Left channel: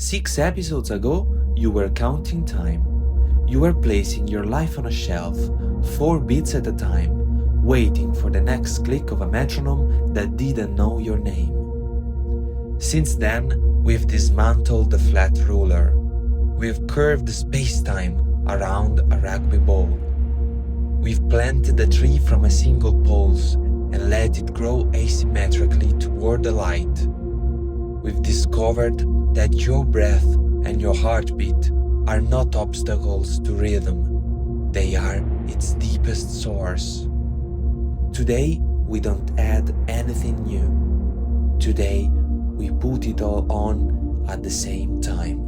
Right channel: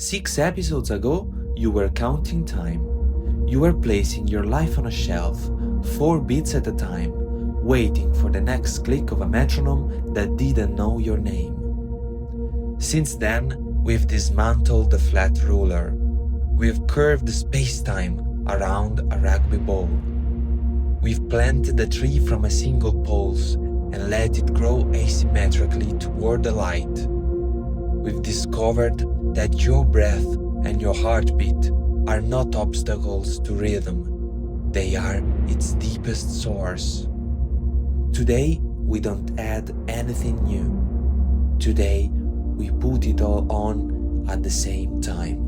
6 episodes ago, you were counting time. You were placing your life on a shelf, 4 beats at a time, waiting for the next click of a metronome that didn't know your name. Since then, we've dismantled the flat ruler. We've curved space-time around a rugby ball. We've planted a tree from a single pulse and let it grow asymmetrically toward the light. We've discovered that your breath and your heartbeat are not obstacles to rhythm. They are its deepest source. Today, we don't add anything new. Today, we put it all on at the same time.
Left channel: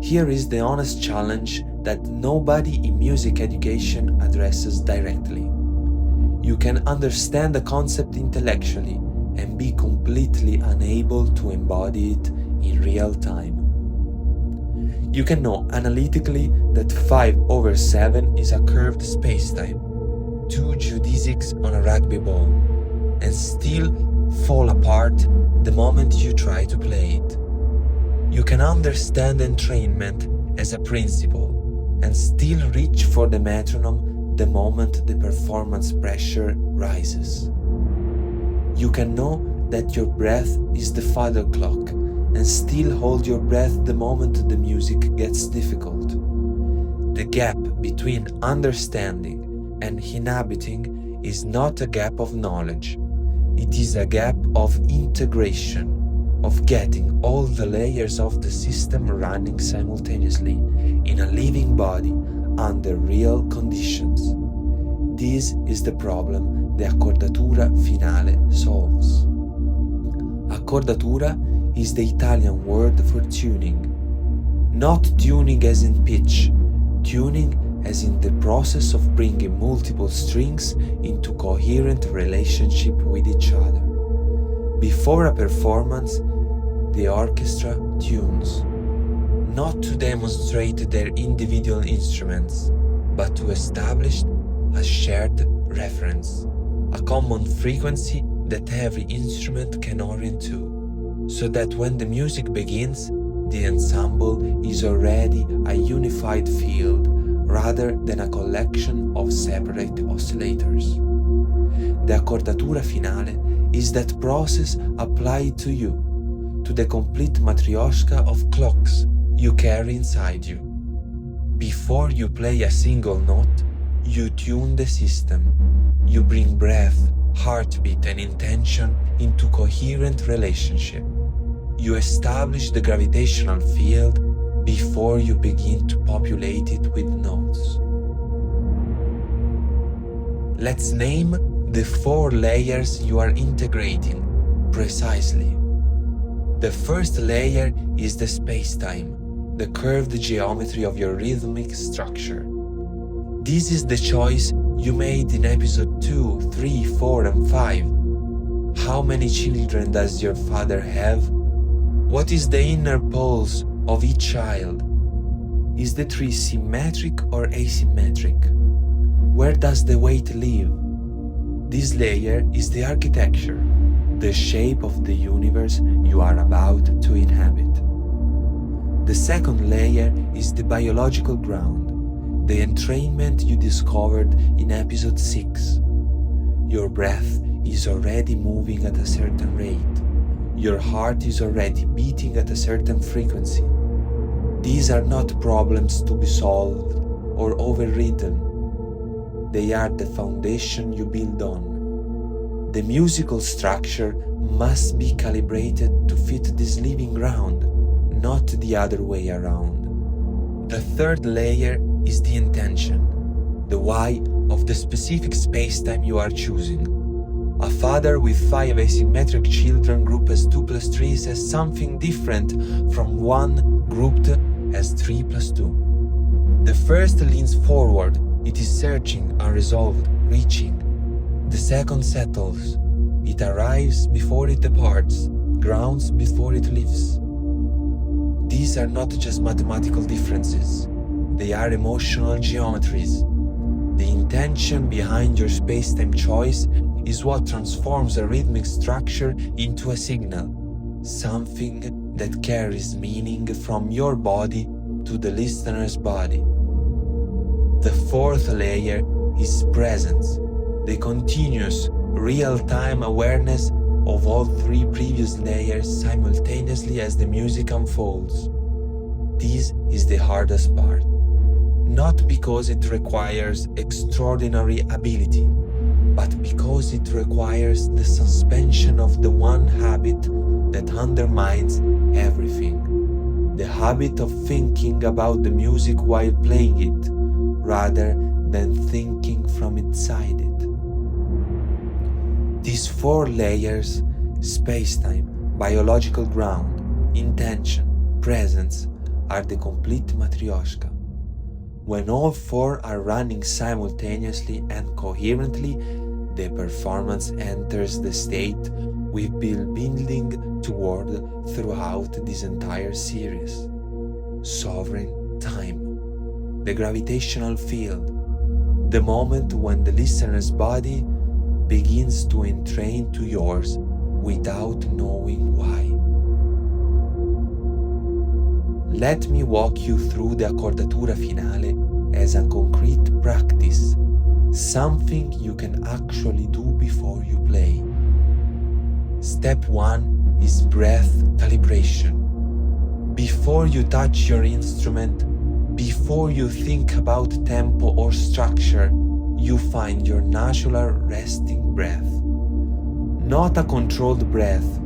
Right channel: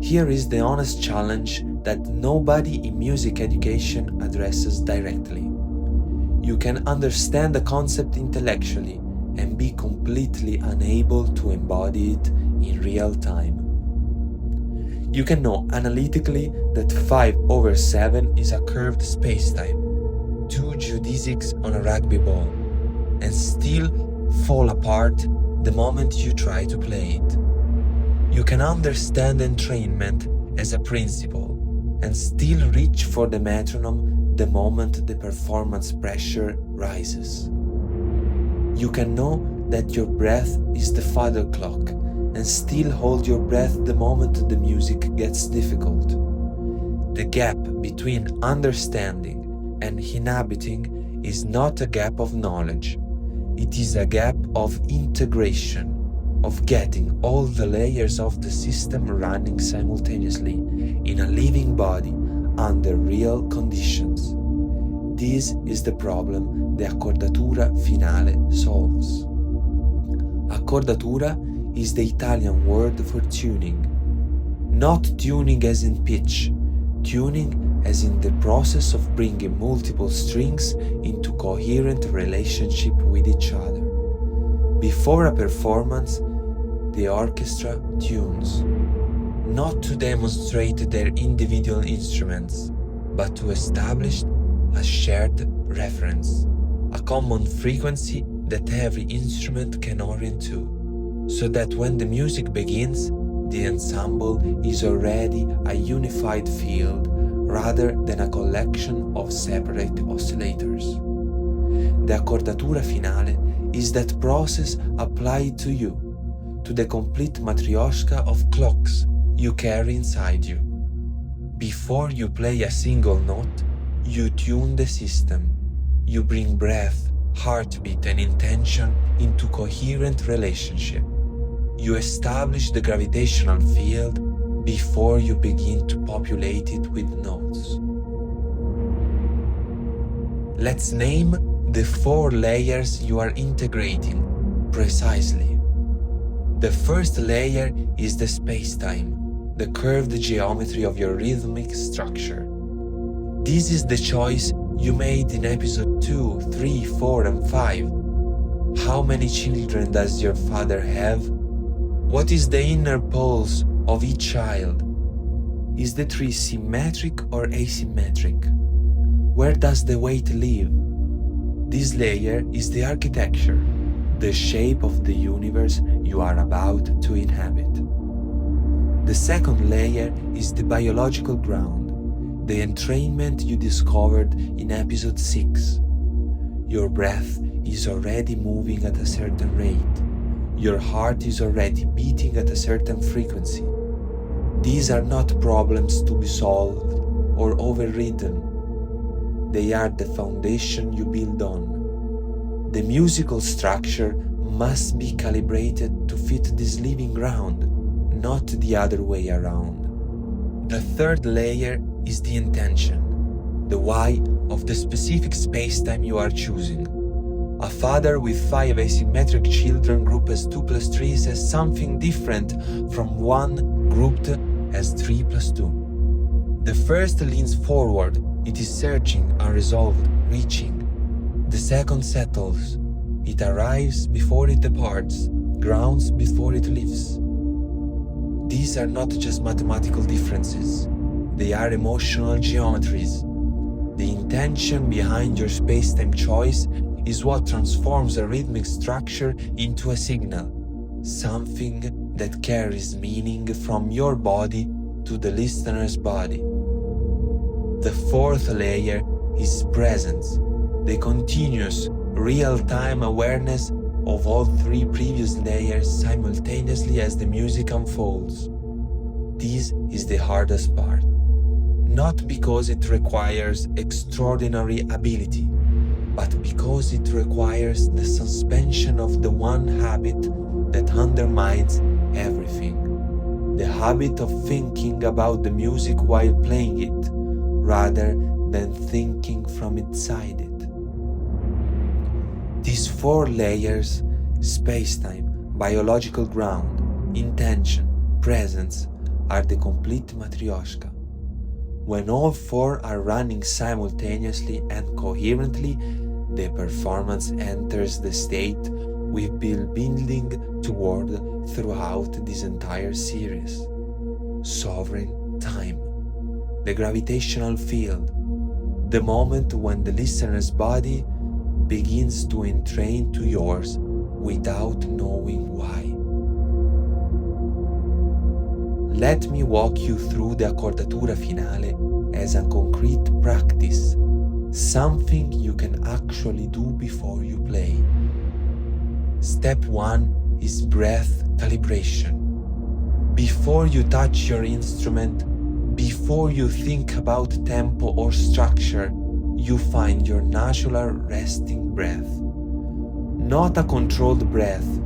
Here is the honest challenge that nobody in music education addresses directly. You can understand the concept intellectually and be completely unable to embody it in real time. You can know analytically that 5/7 is a curved spacetime, 2 geodesics on a rugby ball, and still fall apart the moment you try to play it. You can understand entrainment as a principle and still reach for the metronome the moment the performance pressure rises. You can know that your breath is the father clock and still hold your breath the moment the music gets difficult. The gap between understanding and inhabiting is not a gap of knowledge. It is a gap of integration, of getting all the layers of the system running simultaneously in a living body under real conditions. This is the problem the Accordatura finale solves. Accordatura is the Italian word for tuning. Not tuning as in pitch, tuning as in the process of bringing multiple strings into coherent relationship with each other. Before a performance, the orchestra tunes, not to demonstrate their individual instruments, but to establish a shared reference, a common frequency that every instrument can orient to, so that when the music begins, the ensemble is already a unified field rather than a collection of separate oscillators. The Accordatura finale is that process applied to you, to the complete Matryoshka of clocks you carry inside you. Before you play a single note, you tune the system. You bring breath, heartbeat, and intention into coherent relationship. You establish the gravitational field before you begin to populate it with notes. Let's name the 4 layers you are integrating precisely. The first layer is the spacetime, the curved geometry of your rhythmic structure. This is the choice you made in episode 2, 3, 4, and 5. How many children does your father have? What is the inner pulse of each child? Is the tree symmetric or asymmetric? Where does the weight live? This layer is the architecture, the shape of the universe you are about to inhabit. The second layer is the biological ground, the entrainment you discovered in episode 6. Your breath is already moving at a certain rate. Your heart is already beating at a certain frequency. These are not problems to be solved or overridden. They are the foundation you build on. The musical structure must be calibrated to fit this living ground, not the other way around. The third layer is the intention, the why of the specific spacetime you are choosing. A father with 5 asymmetric children grouped as 2 plus 3 says something different from one grouped as 3 plus 2. The first leans forward, it is searching, unresolved, reaching. The second settles, it arrives before it departs, grounds before it lives. These are not just mathematical differences, they are emotional geometries. The intention behind your spacetime choice is what transforms a rhythmic structure into a signal, something that carries meaning from your body to the listener's body. The fourth layer is presence, the continuous, real-time awareness of all three previous layers simultaneously as the music unfolds. This is the hardest part, not because it requires extraordinary ability, but because it requires the suspension of the one habit that undermines everything, the habit of thinking about the music while playing it, rather than thinking from inside it. These four layers, spacetime, biological ground, intention, presence, are the complete Matryoshka. When all four are running simultaneously and coherently, the performance enters the state we've been building toward throughout this entire series. Sovereign time, the gravitational field, the moment when the listener's body begins to entrain to yours without knowing why. Let me walk you through the Accordatura finale as a concrete practice, something you can actually do before you play. Step 1 is breath calibration. Before you touch your instrument, before you think about tempo or structure, you find your natural resting breath. Not a controlled breath,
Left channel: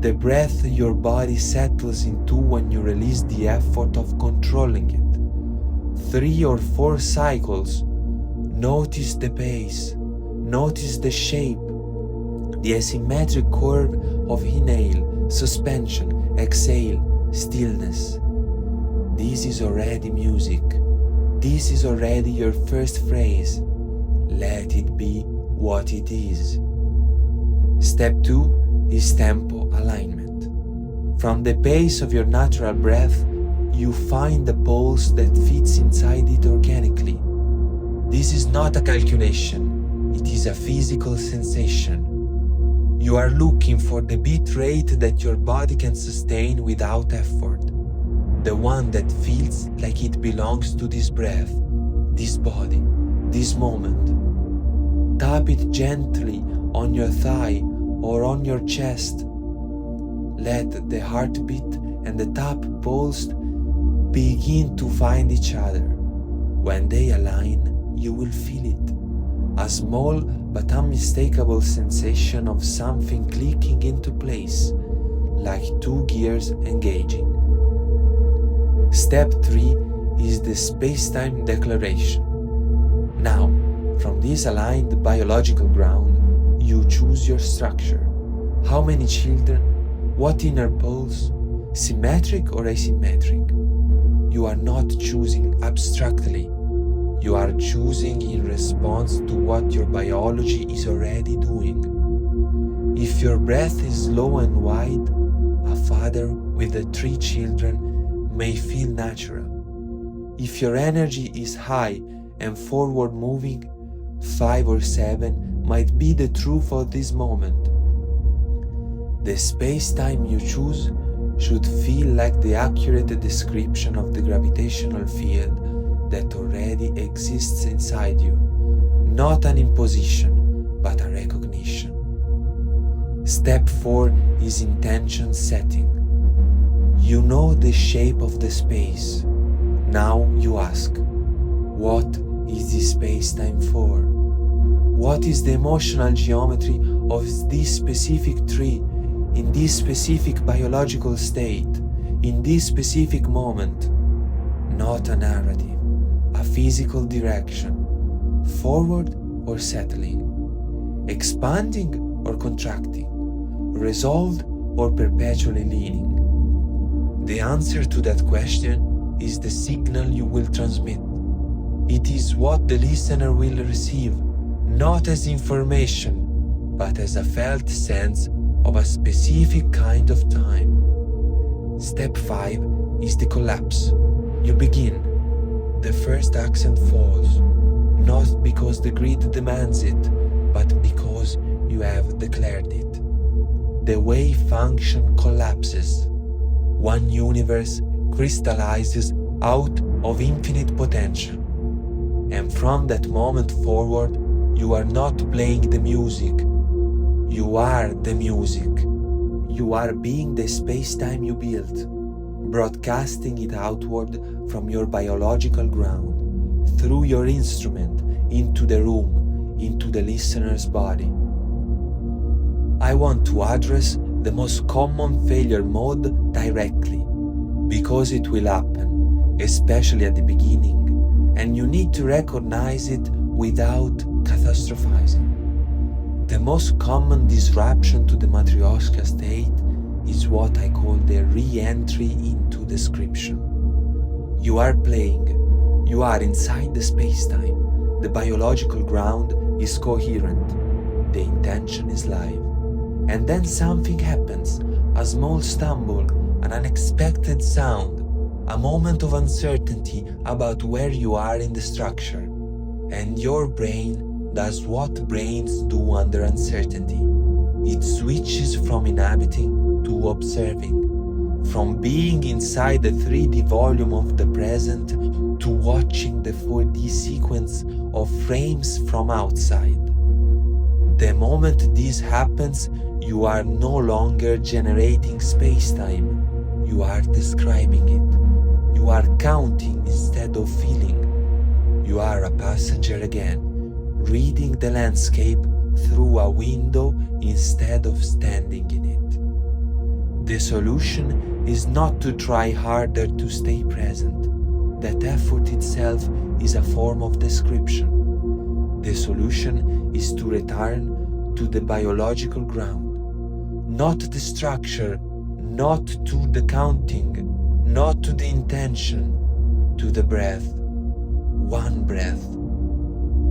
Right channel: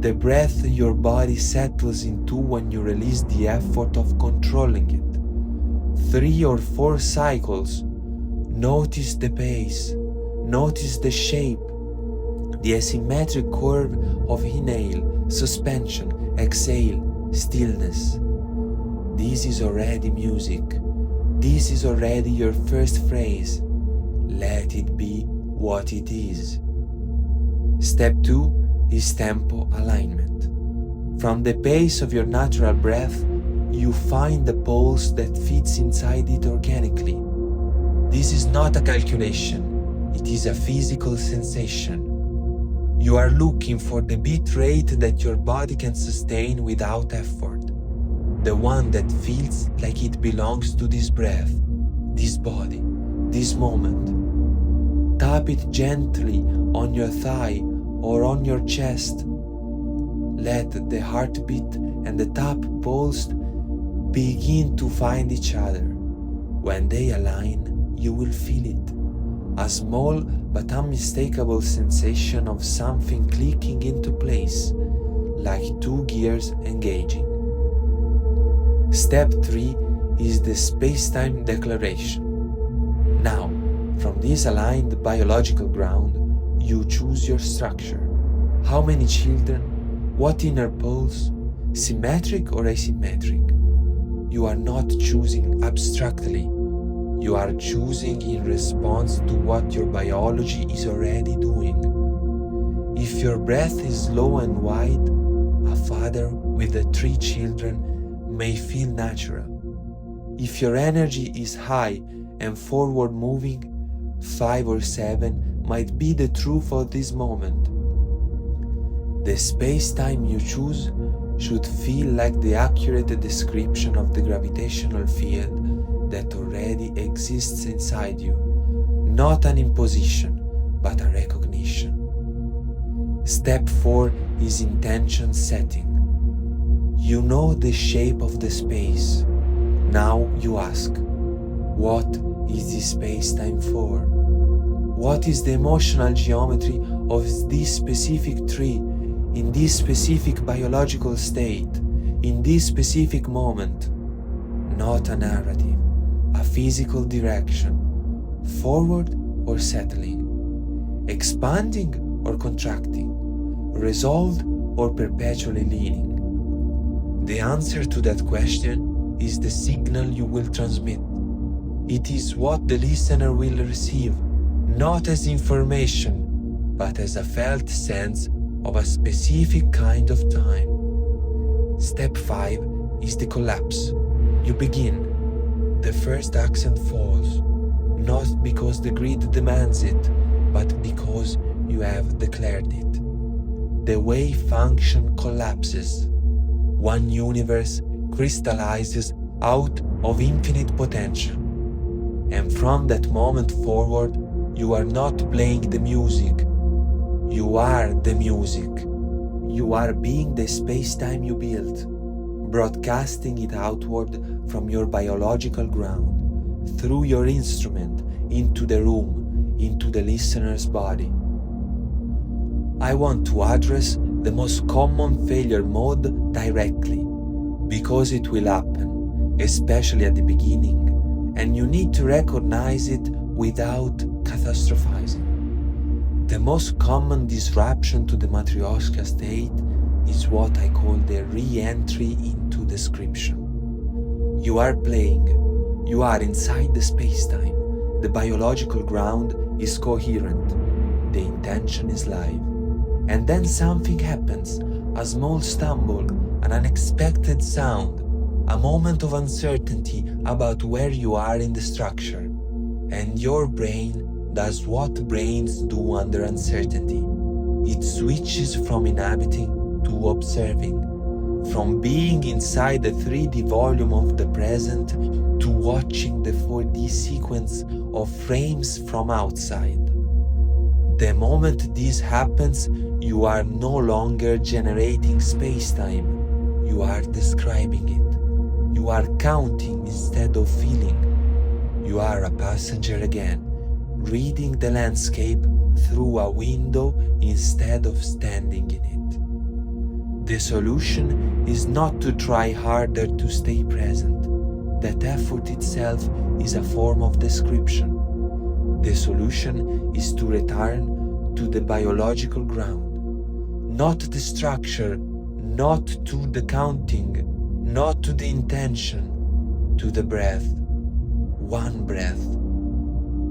the breath your body settles into when you release the effort of controlling it. 3 or 4 cycles. Notice the pace, notice the shape, the asymmetric curve of inhale, suspension, exhale, stillness. This is already music. This is already your first phrase. Let it be what it is. Step 2 is tempo alignment. From the pace of your natural breath, you find the pulse that fits inside it organically. This is not a calculation, it is a physical sensation. You are looking for the beat rate that your body can sustain without effort. The one that feels like it belongs to this breath, this body, this moment. Tap it gently on your thigh or on your chest. Let the heartbeat and the tap pulse begin to find each other. When they align, you will feel it. A small but unmistakable sensation of something clicking into place, like 2 gears engaging. Step 3 is the spacetime declaration. Now, from this aligned biological ground, you choose your structure. How many children? What inner pulse? Symmetric or asymmetric? You are not choosing abstractly. You are choosing in response to what your biology is already doing. If your breath is low and wide, a father with the 3 children may feel natural. If your energy is high and forward moving, 5 or 7 might be the truth of this moment. The space-time you choose should feel like the accurate description of the gravitational field that already exists inside you, not an imposition, but a recognition. Step 4 is intention setting. You know the shape of the space. Now you ask, what is this space-time for? What is the emotional geometry of this specific tree, in this specific biological state, in this specific moment? Not a narrative, a physical direction, forward or settling, expanding or contracting, resolved or perpetually leaning. The answer to that question is the signal you will transmit. It is what the listener will receive, not as information, but as a felt sense of a specific kind of time. Step 5 is the collapse. You begin. The first accent falls, not because the grid demands it, but because you have declared it. the wave function collapses. One universe crystallizes out of infinite potential. And from that moment forward, you are not playing the music. You are the music. You are being the space-time you built, broadcasting it outward from your biological ground, through your instrument, into the room, into the listener's body. I want to address the most common failure mode directly, because it will happen, especially at the beginning, and you need to recognize it without catastrophizing. The most common disruption to the Matryoshka state is what I call the re-entry into description. You are playing, you are inside the space-time, the biological ground is coherent, the intention is live. And then something happens, a small stumble, an unexpected sound, a moment of uncertainty about where you are in the structure. And your brain does what brains do under uncertainty. It switches from inhabiting to observing, from being inside the 3D volume of the present to watching the 4D sequence of frames from outside. The moment this happens, you are no longer generating space-time, you are describing it. You are counting instead of feeling. You are a passenger again, reading the landscape through a window instead of standing in it. The solution is not to try harder to stay present. That effort itself is a form of description. The solution is to return to the biological ground, not the structure, not to the counting, not to the intention, to the breath. One breath,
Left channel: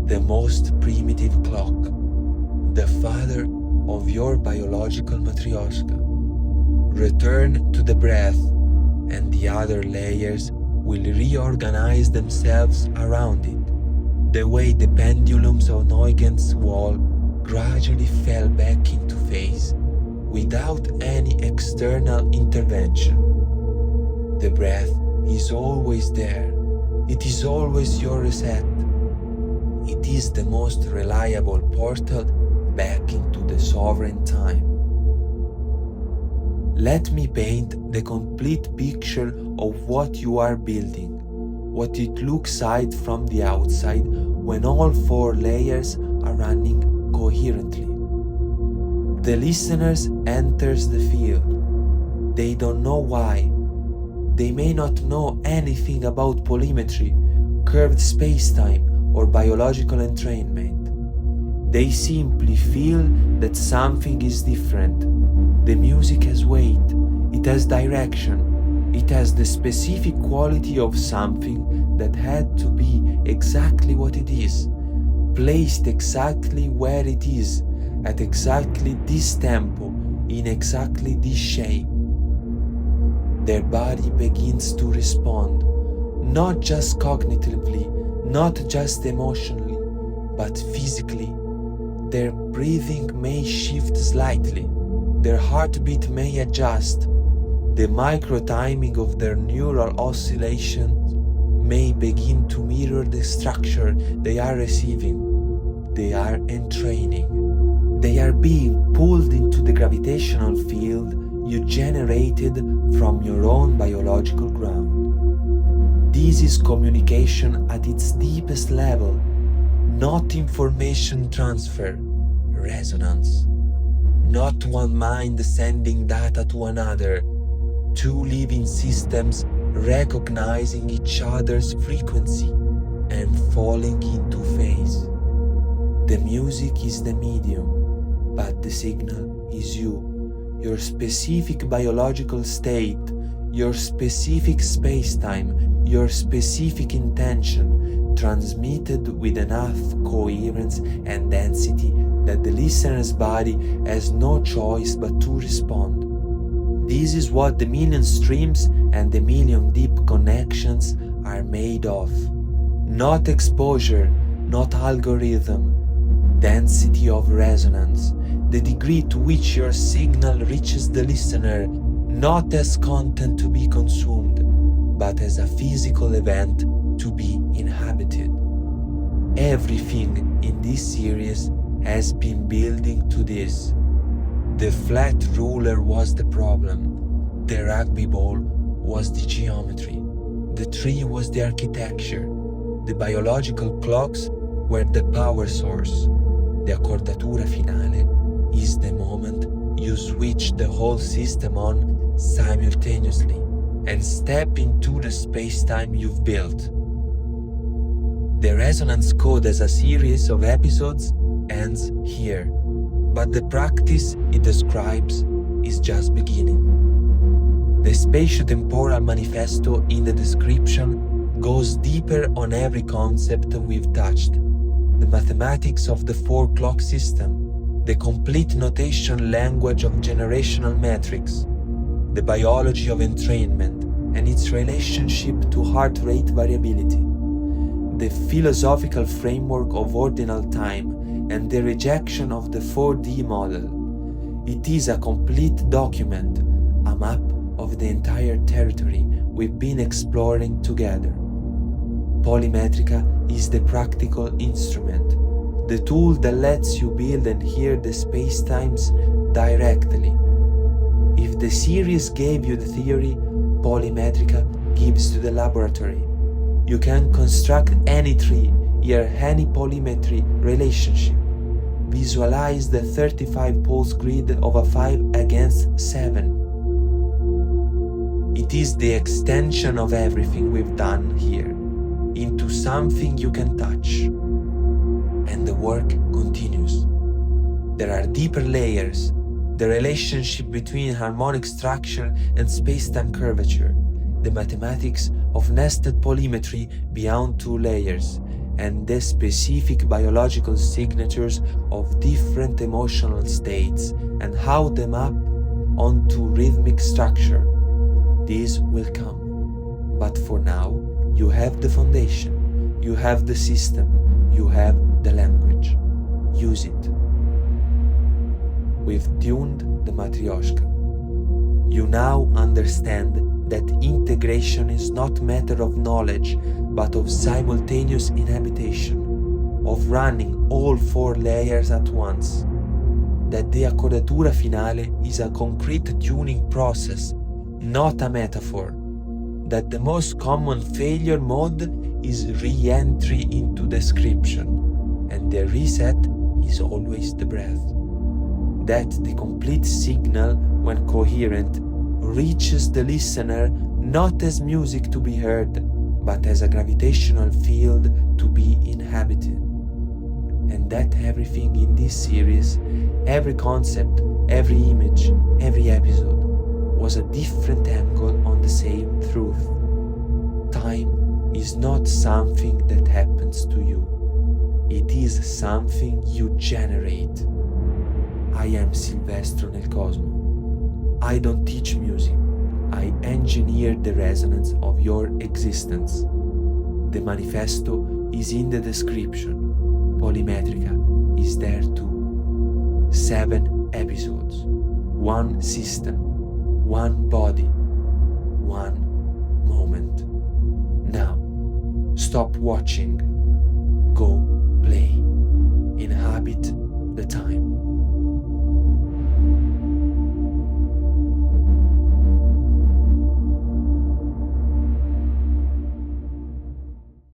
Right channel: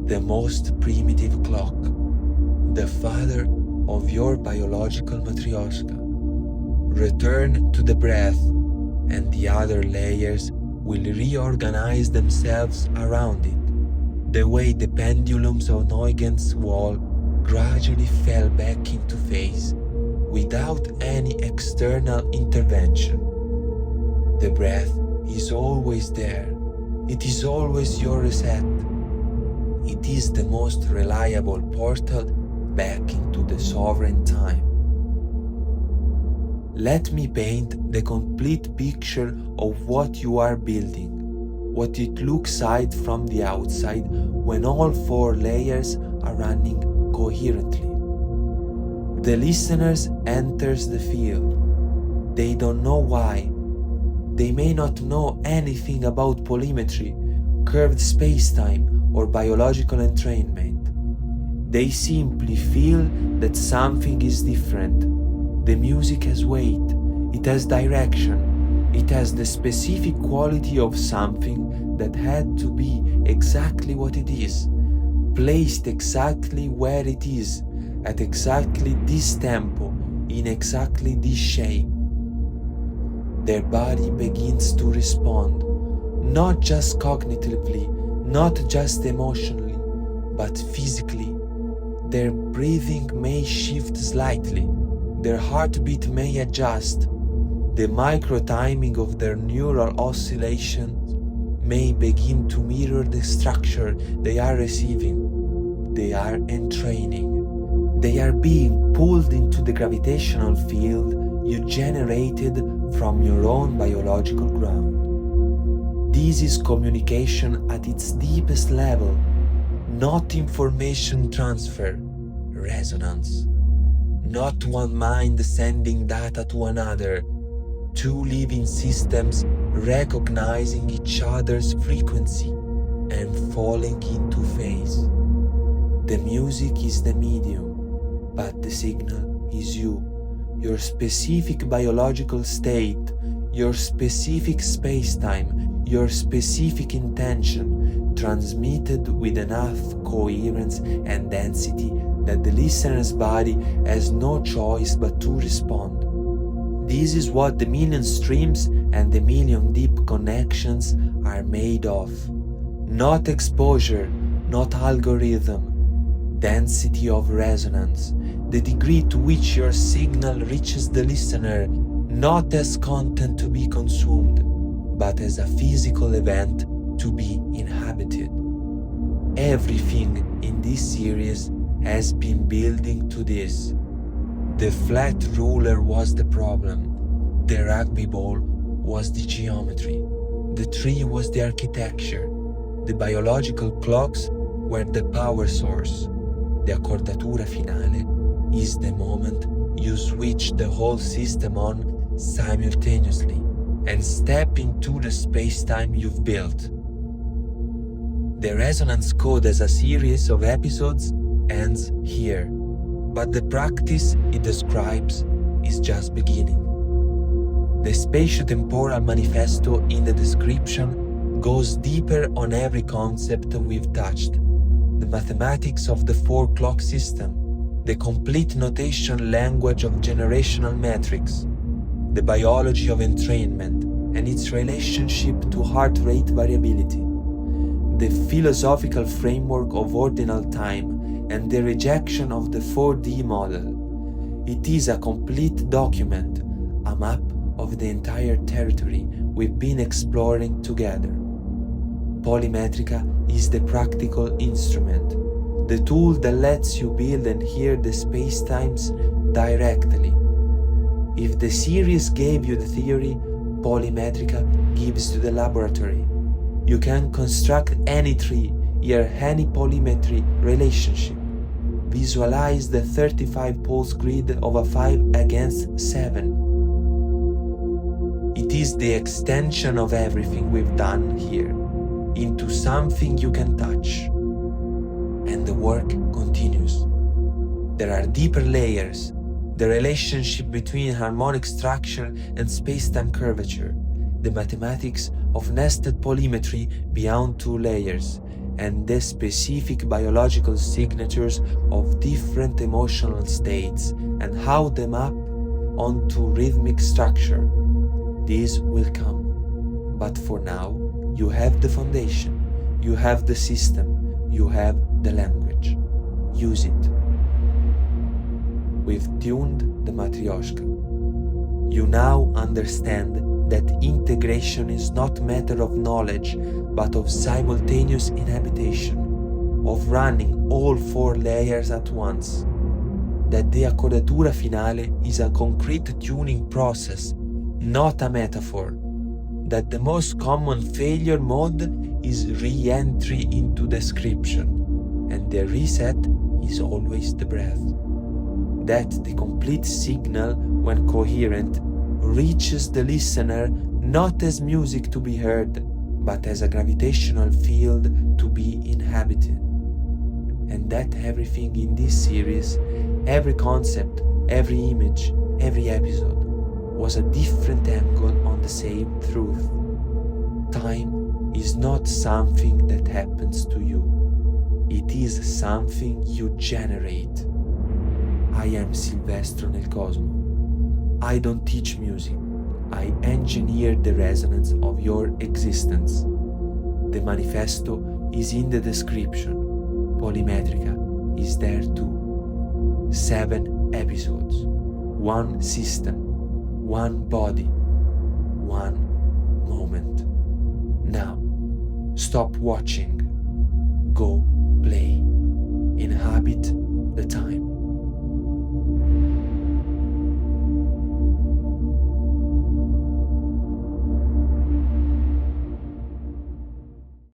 the most primitive clock, the father of your biological Matryoshka. Return to the breath, and the other layers will reorganize themselves around it, the way the pendulums on Huygens' wall gradually fell back into phase without any external intervention. The breath is always there. It is always your reset. It is the most reliable portal back into the sovereign time. Let me paint the complete picture of what you are building, what it looks like from the outside when all 4 layers are running coherently. The listeners enters the field. They don't know why. They may not know anything about polymetry, curved space-time, or biological entrainment. They simply feel that something is different. The music has weight, it has direction, it has the specific quality of something that had to be exactly what it is, placed exactly where it is, at exactly this tempo, in exactly this shape. Their body begins to respond, not just cognitively, not just emotionally, but physically. Their breathing may shift slightly, their heartbeat may adjust, the micro-timing of their neural oscillations may begin to mirror the structure they are receiving. They are entraining. They are being pulled into the gravitational field you generated from your own biological ground. This is communication at its deepest level, not information transfer, resonance. Not one mind sending data to another, 2 living systems recognizing each other's frequency and falling into phase. The music is the medium, but the signal is you, your specific biological state, your specific space-time, your specific intention, transmitted with enough coherence and density that the listener's body has no choice but to respond. This is what the million streams and the million deep connections are made of. Not exposure, not algorithm, density of resonance, the degree to which your signal reaches the listener, not as content to be consumed, but as a physical event to be inhabited. Everything in this series has been building to this. The flat ruler was the problem, the rugby ball was the geometry, the tree was the architecture, the biological clocks were the power source. The accordatura finale is the moment you switch the whole system on simultaneously and step into the space-time you've built. The resonance code as a series of episodes ends here, but the practice it describes is just beginning. The spatio-temporal manifesto in the description goes deeper on every concept we've touched. The mathematics of the 4-clock system, the complete notation language of generational metrics, the biology of entrainment and its relationship to heart rate variability, the philosophical framework of ordinal time and the rejection of the 4D model. It is a complete document, a map of the entire territory we've been exploring together. Polymetrica is the practical instrument, the tool that lets you build and hear the spacetimes directly. If the series gave you the theory, Polymetrica gives you the laboratory. You can construct any tree, hear any polymetry relationship, visualize the 35 poles grid of a 5 against 7. It is the extension of everything we've done here into something you can touch. And the work continues. There are deeper layers, the relationship between harmonic structure and space-time curvature, the mathematics of nested polymetry beyond 2 layers, and the specific biological signatures of different emotional states and how they map onto rhythmic structure. This will come, but for now, you have the foundation, you have the system, you have the language. Use it. We've tuned the Matryoshka. You now understand that integration is not a matter of knowledge, but of simultaneous inhabitation, of running all 4 layers at once. That the accordatura finale is a concrete tuning process, not a metaphor. That the most common failure mode is re-entry into description, and the reset is always the breath. That the complete signal, when coherent, reaches the listener not as music to be heard, but as a gravitational field to be inhabited. And that everything in this series, every concept, every image, every episode, was a different angle on the same truth. Time is not something that happens to you. It is something you generate. I am Silvestro nel Cosmo. I don't teach music. I engineer the resonance of your existence. The manifesto is in the description. Polymetrica is there too. 7 episodes, 1 system, 1 body, 1 moment. Now, stop watching. Go play. Inhabit the time.